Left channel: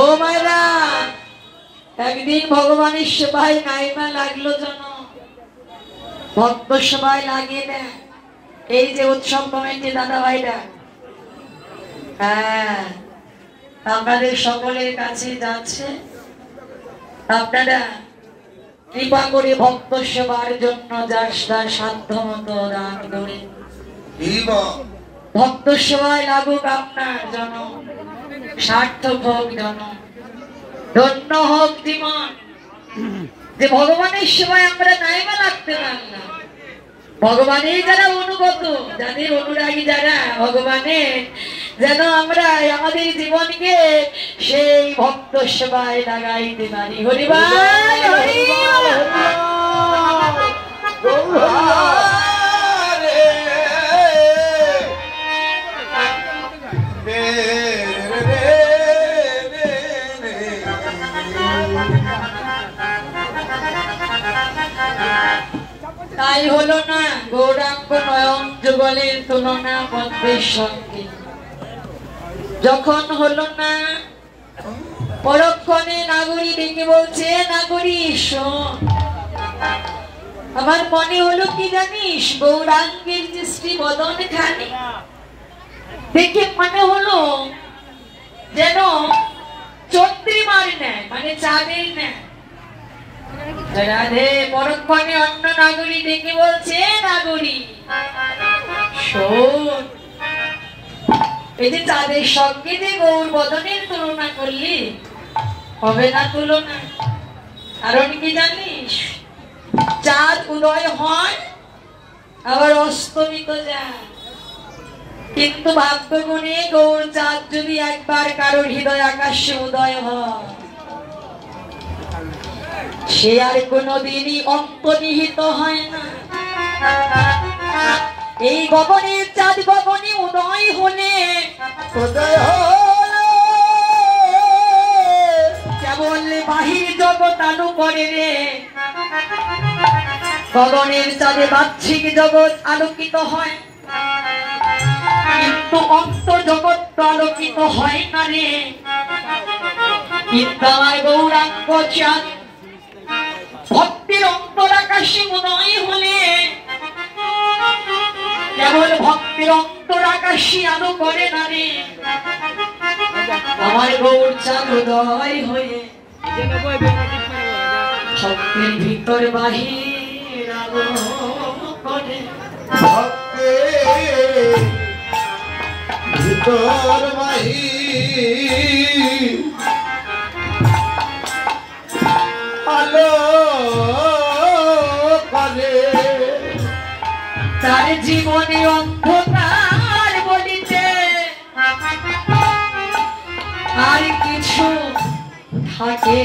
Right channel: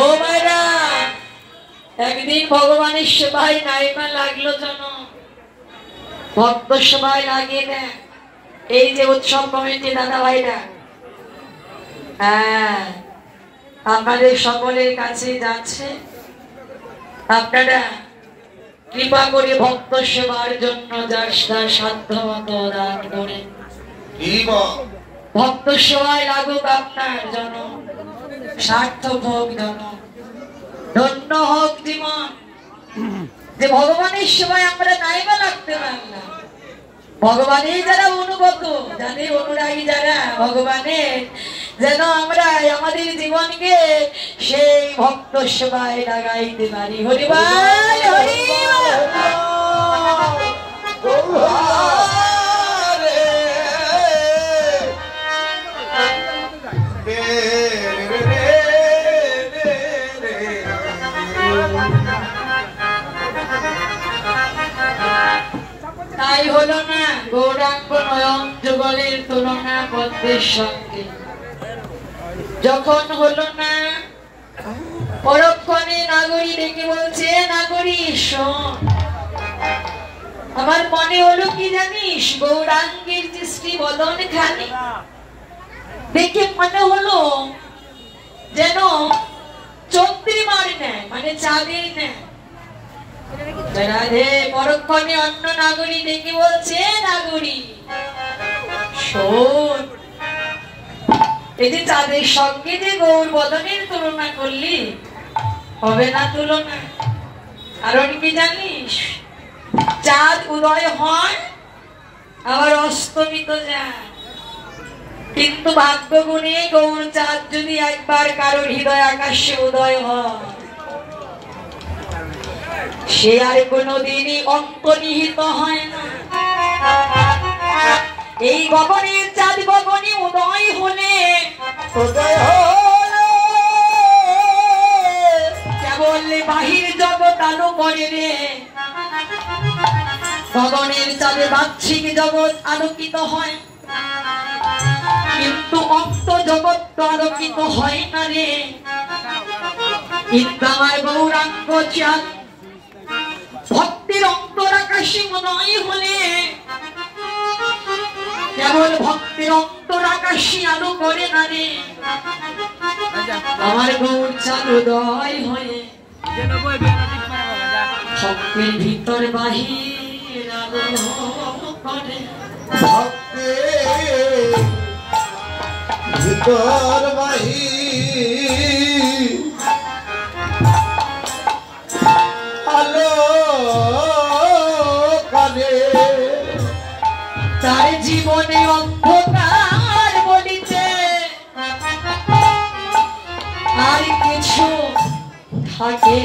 ও মায়েরা, একদিন ভগবানের সেবায় নাইমা লাগলো যেন ভক্ত সেবায় লাগিয়ে দেয় এই যে উৎসব কমিটি দাদা ভাইরা। হ্যাঁ, আমাদের সকলের কাছে যাচ্ছে, আপনারা কৃপা করে ভক্ত সেবার জন্য যার সাধ্য মতো দান করেন। ভক্ত সেবায় লাগুক আপনার জন, সার্থক হোক জন, ধন্য হোক জীবন। যে ভগবানের সেবায় আমরা নাইবা লাগতে পারলাম, ভগবানের যারা অনুগত, যাদের অনুরাগী যারা ভগবানের, যেন আমরা আমাদের জীবনকে সেই ভক্ত সেবায় লাগাইতে পারি। হরিবাল হরিবাল। তাই হলো না গৌরাঙ্গ নয়ন যুগলের তুলনা ভক্তের সঙ্গে। যখন হলো না পরক্ষণে নাগরী ডেকে বলছে, নাগরী শোন, আমার মনে হলো কি জানিস, গৌরাঙ্গের যে শ্রী বদন খানি দেখে মনে হলো যেন চন্দ্রিমার নেয়, মানে চাঁদের নেয়। রাধে পরক্ষণে অন্য নাগরী ডেকে বলছে, নাগরী শোন, এই যে চাঁদের সঙ্গে যে গৌর বদনের তুলনা করলি, হবে না তুলনা। কারণ কি জানিস, চাঁদ উদয় হয় আবার অস্তমিত যায়, কিন্তু ভাগ্য গুণিয়ে গৌর চাঁদ যদি একবার কারোর হৃদয় আকাশে উদয় হয়, সে আর কোনদিনই অন্তর্নিহিত হয় না। এই গগনের চাঁদ গগনে উদয় হলে কেবল বাহির জগৎ আলো করে রে, গগনের চাঁদে বাহ্যিক জগৎ আলোকিত হয়, কিন্তু অন্তর জগৎ তো আলোকিত হয় না রে। কিন্তু আমার গৌরাঙ্গ চাঁদ ভক্তির অন্তর আকাশে উদয় হলে কেবল ভক্তির অন্তর আকাশে আলো করে না রে, আমার গৌর চাঁদ উদয় হয়ে ভক্তির ভিতর বাহির আলো করে, ভক্তির ভিতর বাহির আলো করে। তার জীবনে অন্ধকার বলিতে আর কিছু থাকে,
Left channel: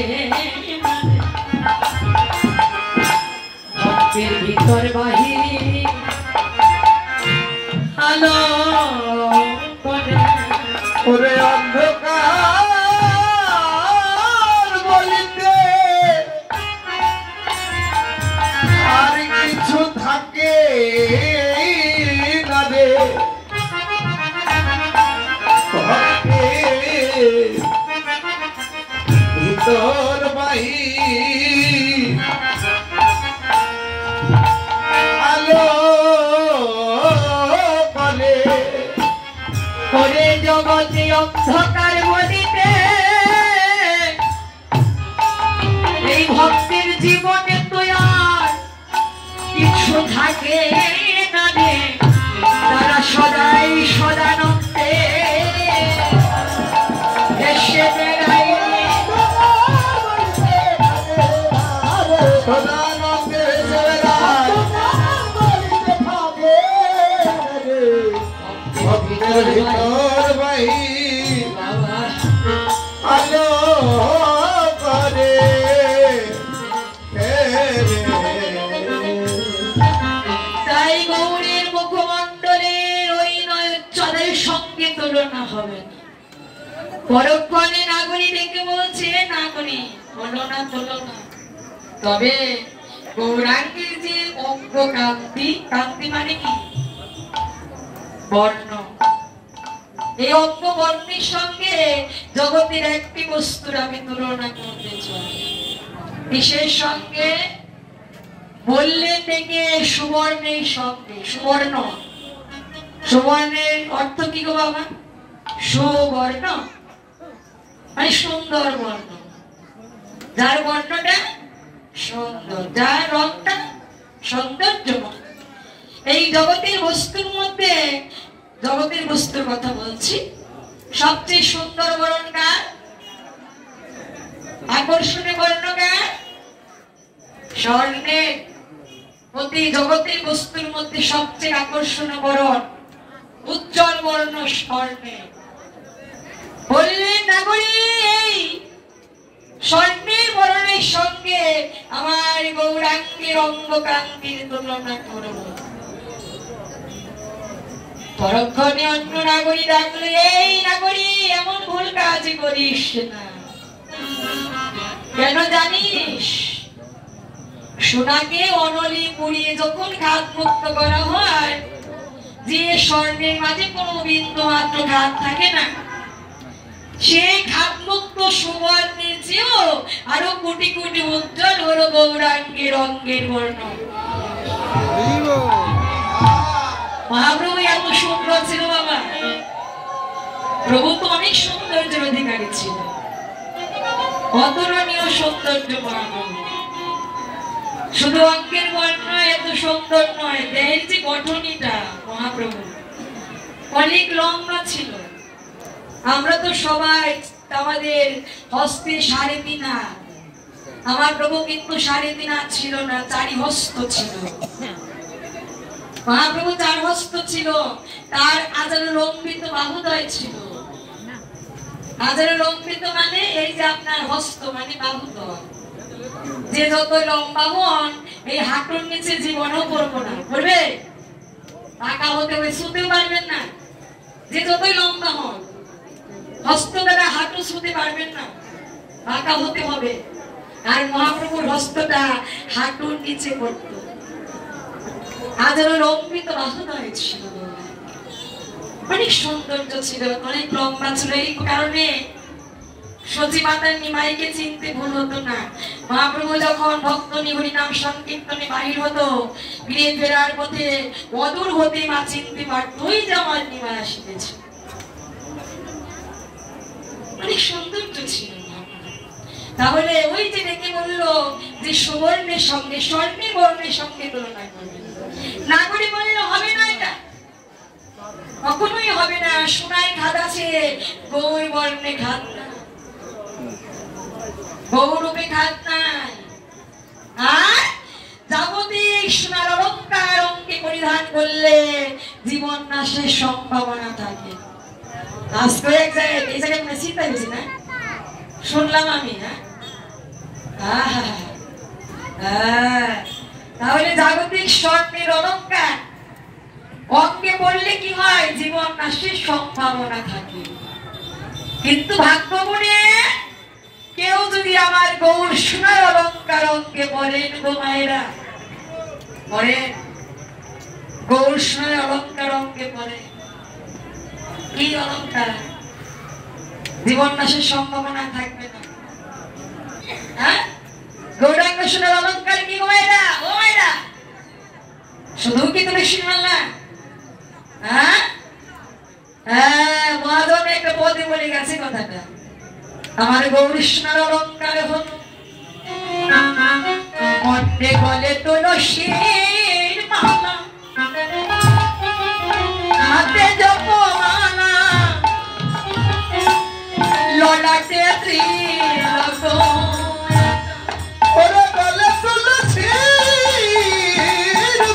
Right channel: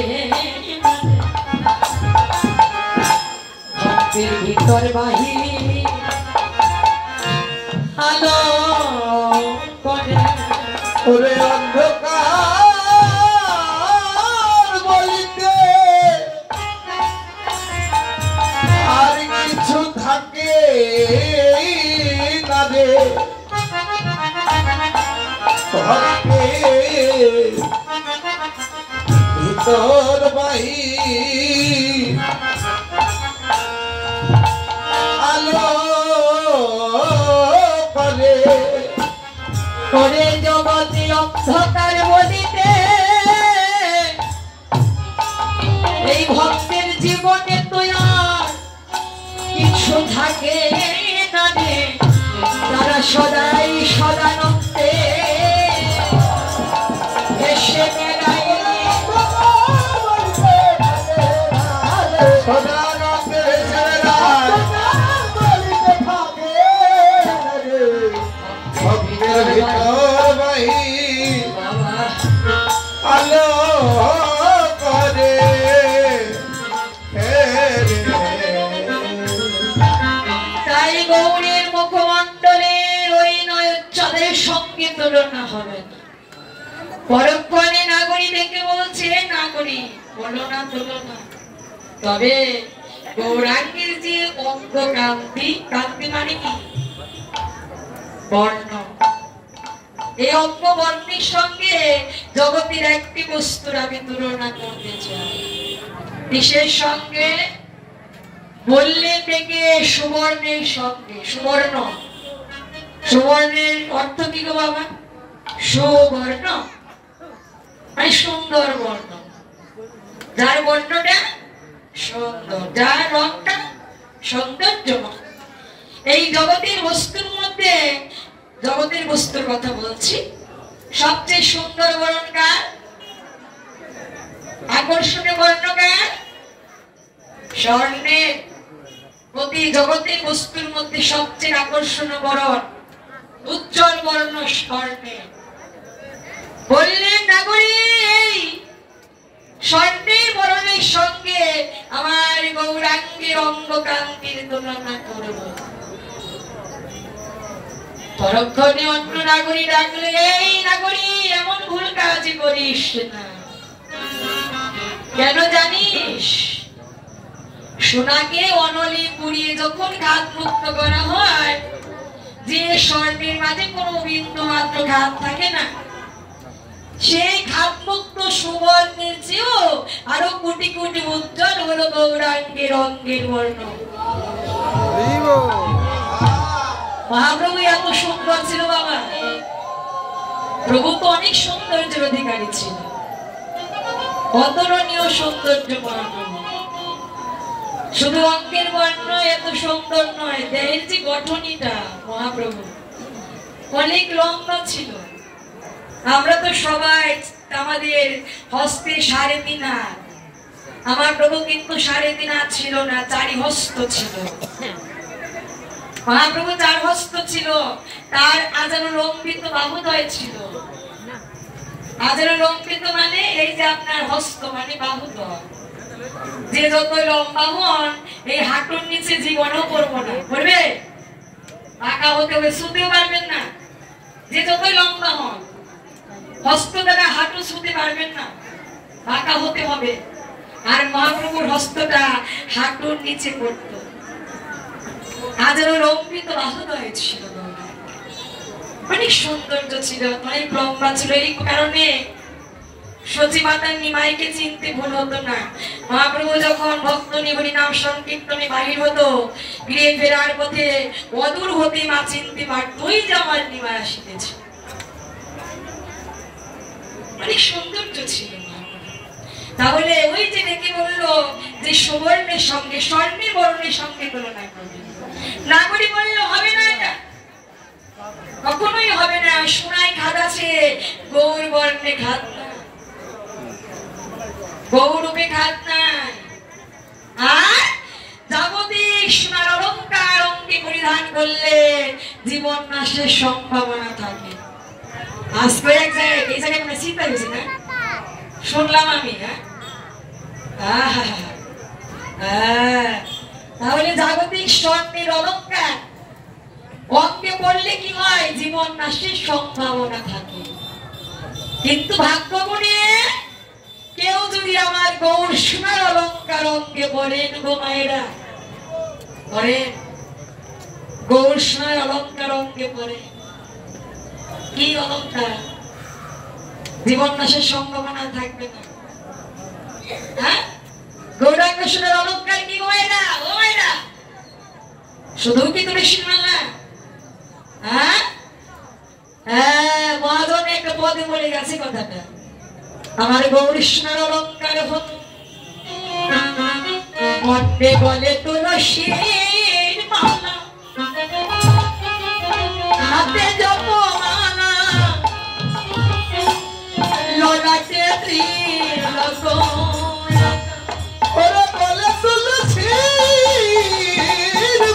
ভক্তির ভিতর বাহির আলো করে। ওরে অন্ধকার বলিতে আর কিছু থাকে না রে, ভক্তির ভিতর বাহির আলো করে। ওরে জগতে অন্ধকার বলিতে এই ভক্তের জীবনে তো আর কিছু থাকে না রে, তারা সদাই সদানন্দে এসে বেড়ায়, সদানন্দে এসে বেড়ায়, ভক্তির ভিতর বাহির আলো করে। তাই গৌরের মুখমণ্ডলের ওই নয়চ্ছদের সঙ্গে তুলনা হবে না। পরক্ষণে নাগরী ডেকে বলছে, নাগরী বলো না তুলনা, তবে গৌরাঙ্গের যে অঙ্গ কান্তি, কান্তি মানে কি বর্ণ, এই অঙ্গ বর্ণের সঙ্গে জগতের একটি বস্তুর আমি তুলনা করতে চাই। কিসের সঙ্গে? বললে থেকে সুবর্ণের সঙ্গে। সুবর্ণ, সুবর্ণের অর্থ কি গো বাবা? সুবর্ণ মানে সুন্দর বর্ণ, যার বর্ণটা সুন্দর, যার রংটা সৌন্দর্যময়। এই জগতের বস্তুর মধ্যে, জগতের বস্তুর কথা বলছি, সবচেয়ে সুন্দর বর্ণ কার? আকর্ষণীয় বর্ণ কার? স্বর্ণের। প্রতি জগতের বস্তুর মধ্যে সবচেয়ে আকর্ষণীয় বর্ণ, উজ্জ্বল বর্ণ স্বর্ণের। বললেন নাগরী, এই স্বর্ণের বর্ণের সঙ্গে আমার গৌরাঙ্গের অঙ্গ কান্তির তুলনা করব। পরক্ষণে অন্য নাগরী ডাকলে, এই নাগরী এমন ভুল কাজ করিস না। কেন জানিস? সোনাকে অনলি পুড়িয়ে যখন ঘাত মুক্ত করা হয়, যে স্বর্ণের মাঝে কোনো বিন্দু মাত্র ঘাত থাকে না, সেই ঘাত মুক্ত সুবর্ণের চেয়েও আরো কোটি কোটি উজ্জ্বল হলো গৌরাঙ্গের অঙ্গের বর্ণ। মহাপ্রভু এত সুন্দর ছিল বাবা। প্রভু তো অনেক সৌন্দর্যের অধিকারী ছিল, অতুলনীয় সৌন্দর্য মহাপ্রভু। শুধু অঙ্গের বর্ণ এত সুন্দর নয়, দেহের যে গঠনিটা মহাপ্রভু অনেক লম্বা ছিল। আমরা তো সবাই আমাদের হস্তে 3.5 হাত, আমার প্রভু কিন্তু 3.5 হাত ছিল না, 4 হস্ত ছিল। মহাপ্রভু 4 হস্ত ছিল, তার আজানো লম্বিত বাহুদয় ছিল। আজানো লম্বিত মানে এই যে আপনার হস্ত মানে বাহুদয়। যে যত লম্বা হন, এই হাঁটুর নিচে জীবনেও পড়বো না, পড়বে? পাকা হতে হবে, শুতেও পারবেন না। যে যত লম্বা হন, হস্ত দ্বারা হাঁটু ছুঁতে পারবেন না, পাকা হতে হবে। আর মহাপ্রভুর হস্তটা হাঁটুর নিচে করত। আজের লম্বিত বাহুদয় ছিল, অনেক সৌন্দর্য ছিল, অনেক লম্বা ছিল। এই কারণে সচি মাতার নিমাইকে চিনতে ভুল হতো না। মহাপ্রভু যখন ভক্ত নিভৃ নাম সংকীর্তনে বাহির হতো, গৃহে ফেরার পথে অদূর হতে মা চিনতে পারত, ওই যে আমার নিমাই আসিতেছে। অনেক সৌন্দর্য ছিল। তাহলে ওই যে ডেকে বললো যে সুবর্ণের সঙ্গে স্বর্ণের বর্ণের সঙ্গে তুলনা করবে। নাগরী বললো হবে না, এটা কখনোই হবে না। সোনায় খাদ আছে, গৌর বর্ণে খাদ না, গৌরূপে খাদ নাই। আর যাবতীয় সোনার অলঙ্কার অঙ্গে পরিধান করলে জীবন নাশের সম্ভাবনা থাকে। আজ কয়েক জায়গায়, এই জায়গায় মানে চিন্তা হয়েছে না, শুনলাম আমি। তাহলে জাগতিক স্বর্ণের অলঙ্কার অঙ্গে পড়লে কি হয়? জীবন নাশের সম্ভাবনা থাকে। কিন্তু ভাগ্য গুণে কেউ যদি আমার গৌর সোনার অলঙ্কার অঙ্গে পড়েন, গো মায়েরা পড়েন, গৌর সোনার অলঙ্কার অঙ্গে পড়ে, কি অলঙ্কার? জীবন নাশের সম্ভাবনা থাকবে না। হ্যাঁ, গৌরাঙ্গ সোনার অলঙ্কার কি গো মায়েরা? ও মায়েরা, শুধু কি তুমি শুনবে না? হ্যাঁ হ্যাঁ, মহাজন একটা পদে বলে গেছে কথাটা, আমার গৌর সোনার অলঙ্কার হল মধ্যে গলে তুলসীর মালা, হাতে জপমালা, ললাটে ত্রিলক, ওরে গলে তুলসীর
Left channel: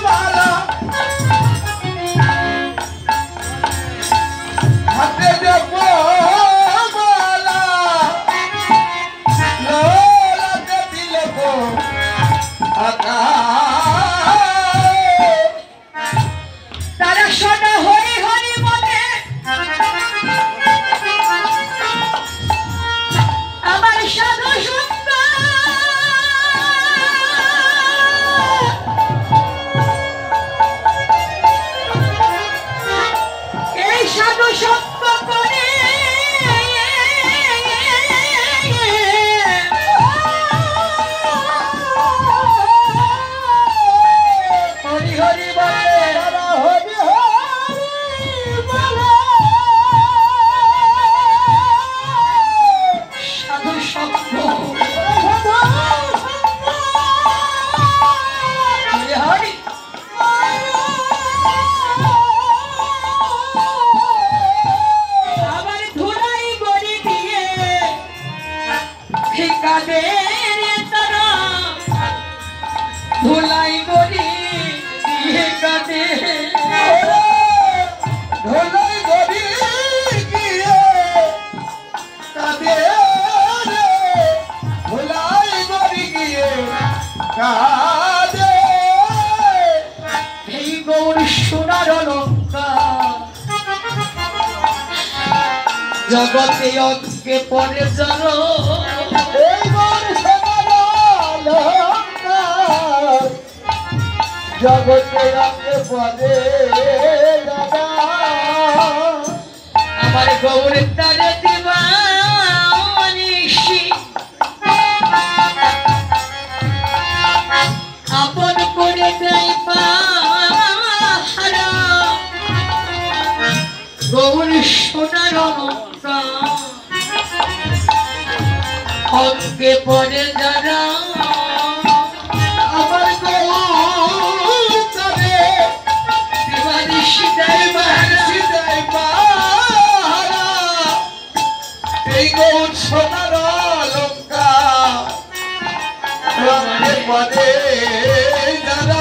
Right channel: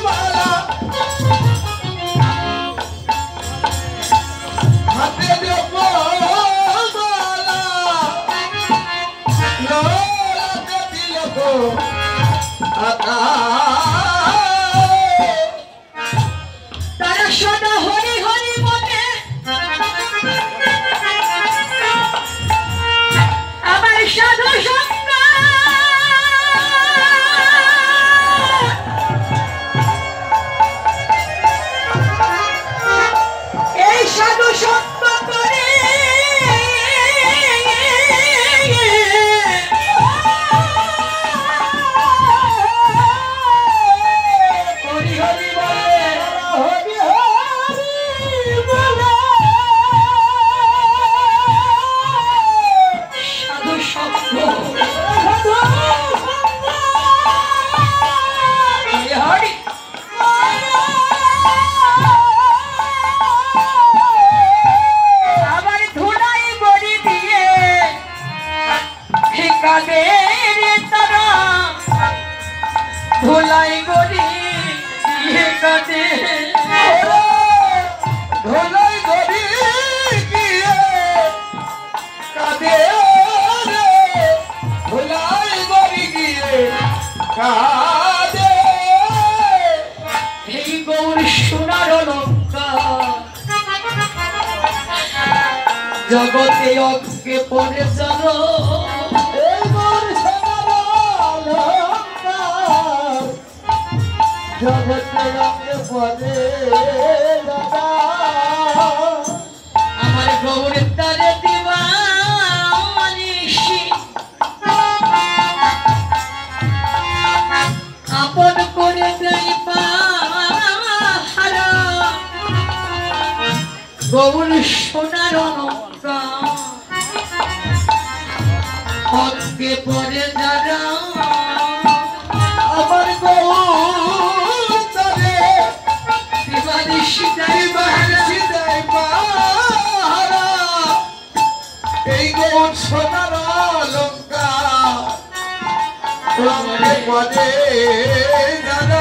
মালা, হাতে জপমালা, ললাটে তিলক, তারা সদা হরি হরি মনে আমার সাধু সঙ্গ, এই সাধু সঙ্গ জগতে অজ্ঞে পড়ে চল এই মোর সোনার অলঙ্কার জগতে রঙে পড়ে দাদা আমার গৌরের তারে দিবা মনীষী আপন করে দেয় পাহারা গৌর সোনার অলঙ্কার অজ্ঞে পড়ে যারা আমার গৌরে দিবানিশি দেয় পাহারা সিদাই পাহারা এই গৌর সোনার অলঙ্কার রঙে পড়ে দাদা